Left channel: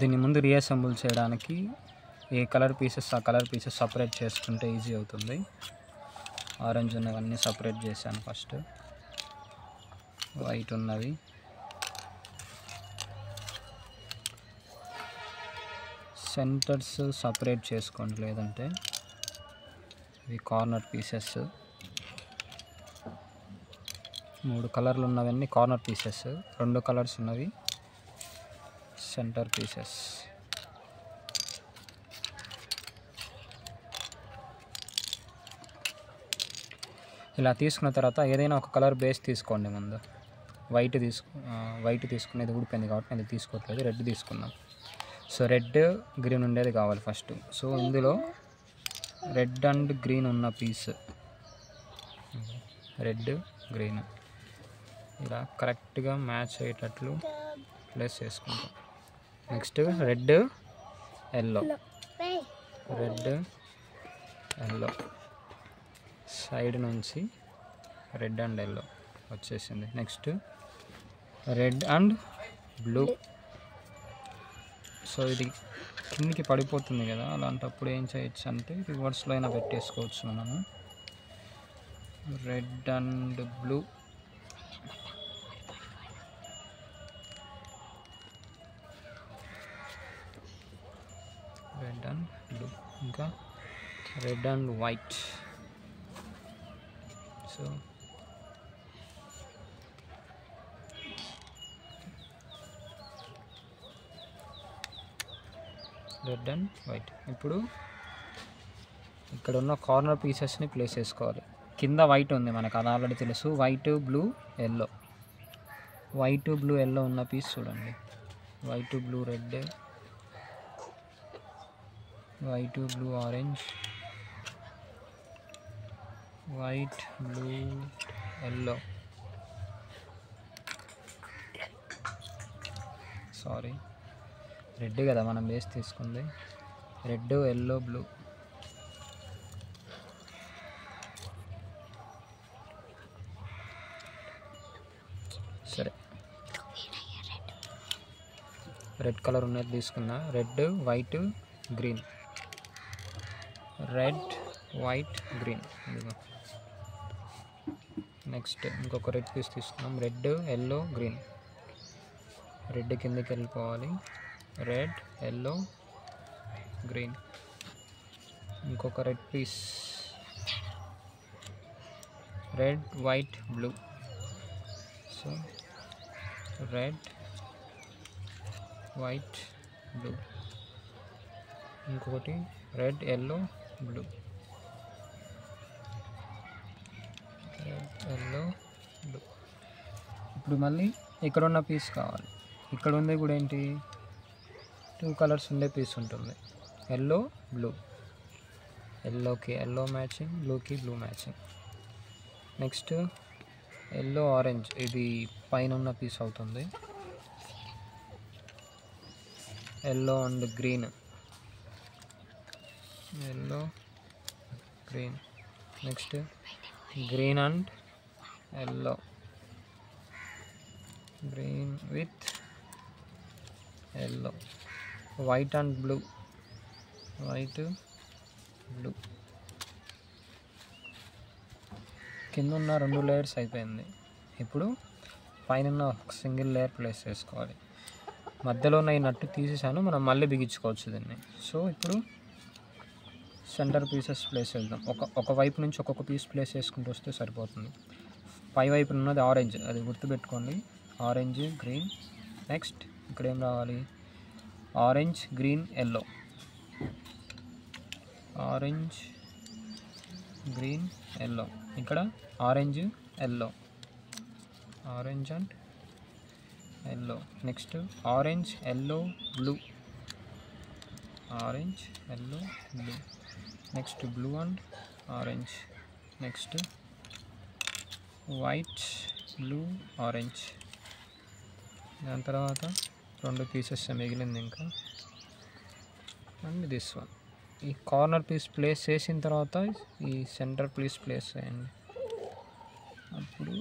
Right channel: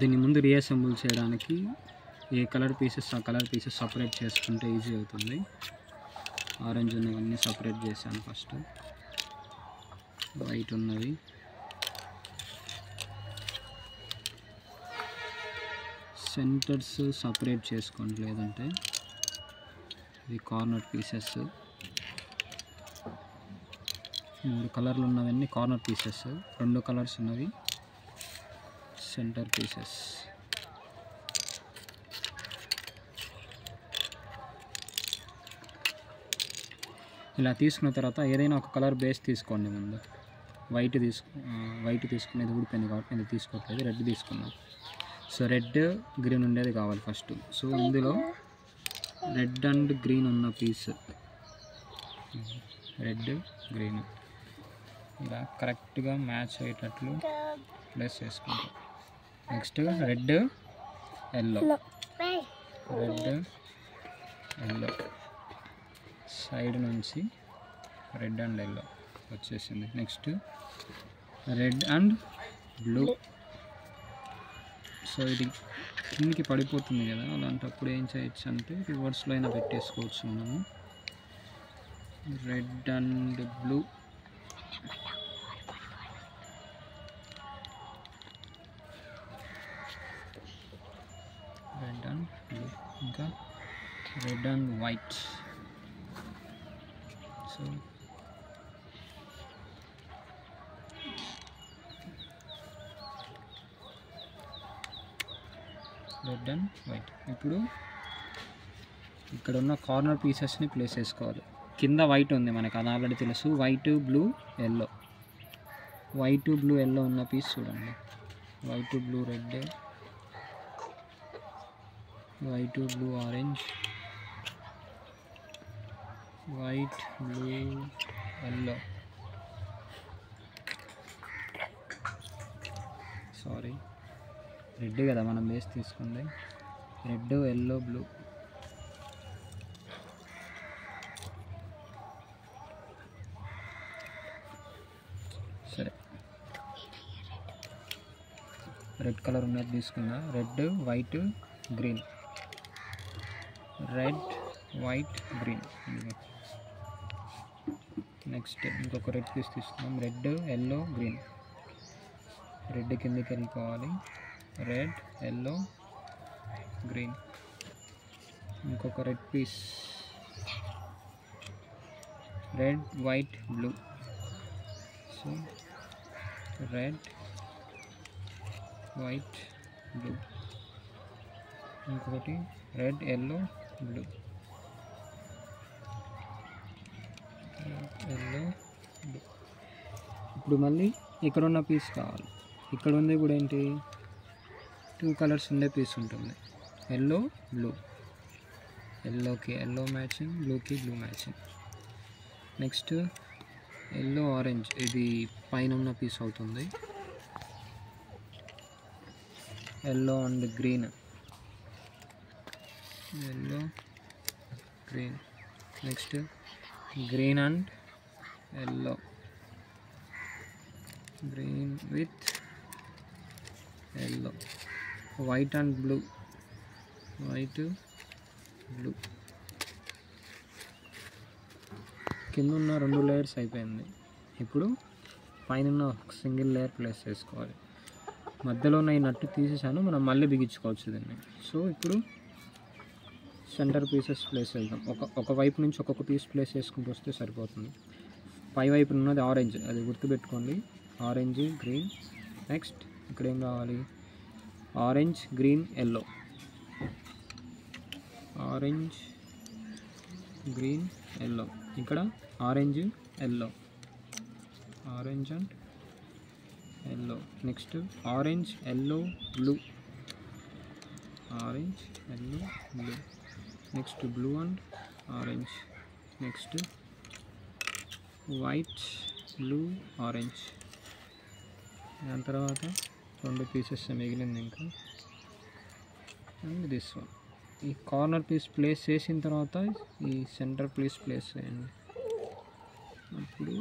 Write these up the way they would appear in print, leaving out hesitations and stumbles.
దీని ముందు రీఅసెంబుల్ చేయడానికి ఏ కలర్ పీసెస్ ఆ కలర్ పీసెస్ సపరేట్ చేసుకుంటే ఈజీ అవుతుంది. ఆరెంజ్ ఉన్నవన్నీ సపరేట్ చేశాను. ఫస్ట్ వైట్ ఉన్నవి సెంటర్స్ సపరేట్ చేసుకోండి, లేదంటే ఇవి కార్నర్ పీసెస్. 3 కలర్లు ఉన్నవన్నీ కార్నర్ పీసెస్, 2 కలర్స్ ఉన్నవి సెంటర్ పీసెస్. ఇలా తీసుకున్న తర్వాత ఏదైనా ఒక కలర్ బేస్ తీసుకోండి. ముందు వైట్ తీసుకునేది ఊడిపోయింది కాబట్టి నేను తీసుకోవట్లేదు, రెడ్ తీసుకున్నాను. సో రెడ్ గ్రీన్ ఉండేది కావాలి ఫస్ట్. సో ఇందులో రెడ్ అండ్ గ్రీన్ ఉన్న పీస్, రెడ్ గ్రీన్ ఇలా కరెక్ట్గా మ్యాచ్ అయ్యేటట్లు ప్లేస్ చేసుకుంటాం. నెక్స్ట్ రెడ్ ఎల్లో సైడ్ నుంచి రెడ్ అండ్ ఎల్లో వచ్చేసింది. Next red and blue. So ఇది కిందికి పడిపోతుంది కదా, అలాంటప్పుడు ఏం చేయొచ్చు అంటే రివర్స్లో అయినా పెట్టేసుకోవచ్చు మనము. రెడ్ అండ్ బ్లూ, ఇంకా red and white. So red and white. ఇప్పుడు ఇక్కడ ఉన్న కార్నర్ పీసెస్ని ప్లేస్ చేసుకోవాలి. కింద వైట్ ఉంది మనకు, అది ఆల్రెడీ తెలుసు. వైట్ బ్లూ ఎల్లో ఉన్న పీస్ చూడండి. White blue red, white blue orange, white blue yellow, sorry red కదా మనం బేస్ తీసుకుంది. Red yellow blue. సరే రెడ్ కలర్ ఉన్నది తీసుకున్నా. Red white green, red white green. Next ఇంకొక రెడ్ పీస్ తీసుకున్నాం. Red yellow green. రెడ్ కిందకి వెళ్ళిపోవాలి. Red yellow green. ఇంకొక red piece. Red white blue. So red white blue. ఇంకొకటి red yellow blue, yellow blue. ఇప్పుడు మళ్ళీ ఇక్కడ ఉన్న పీస్ కావాలి. ఇక్కడ ఉంది కూడా ఏంటి, 2 కలర్స్ ఉండే పీస్ ఉంటుంది. ఎల్లో బ్లూ, ఎల్లోకి ఎల్లో మ్యాచింగ్, బ్లూకి blue matching. Next yellow orange, ఇది పైన ఉన్న పీస్ అవుతుంది. Yellow and green, yellow green. Next green and yellow, green with yellow. White and blue, white blue. కింద ఉన్న 2 లేయర్స్ అయిపోయింది. ఇప్పుడు పైన ఒక సింగిల్ లేయర్ ప్లేస్ చేసుకోవాలి. మధ్యలో ఉన్న ఈ నట్టు తీసేసాను, మనం మళ్ళీ బిగించుకోవచ్చు దీన్ని. సో ఇప్పుడు సెంటర్ పీసెస్ ప్లేస్ వెళ్దాం. ఒక వైపు నుంచి ఒక్కొక్క పీస్ ప్లేస్ చేసుకుంటూ వస్తే సరిపోతుంది. పై వైపు ఉన్నది ఆరెంజ్, అది గుర్తుపెట్టుకోండి. Orange green. నెక్స్ట్ ఇక్కడ ఏం రావాలి, orange green yellow, orange green yellow. ఇక్కడ orange yellow, orange and yellow. Next orange yellow blue, orange yellow blue. Next blue and orange. Next white blue orange. దాని తర్వాత 2 పీసెస్ మిగిలింది ఇంకా. And this one. ఈ corner piece place చేసిన తర్వాత ఈ centre piece place చేయండి. అప్పుడు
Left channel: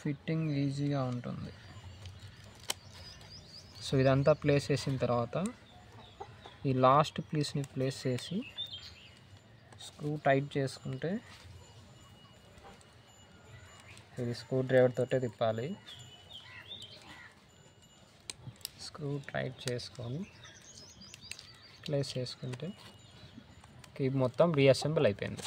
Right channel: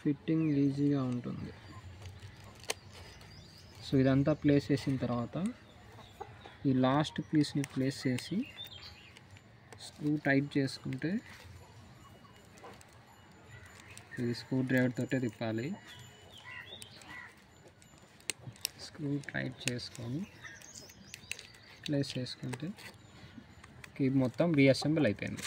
ఫిట్టింగ్ ఈజీగా ఉంటుంది. సో ఇదంతా ప్లేస్ చేసిన తర్వాత ఈ లాస్ట్ పీస్ని ప్లేస్ చేసి స్క్రూ టైట్ చేసుకుంటే, ఇది స్క్రూ డ్రైవర్ తోటే తిప్పాలి. స్క్రూ టైట్ చేసుకొని ప్లేస్ చేసుకుంటే ఇది మొత్తం రీఅసెంబుల్ అయిపోయింది.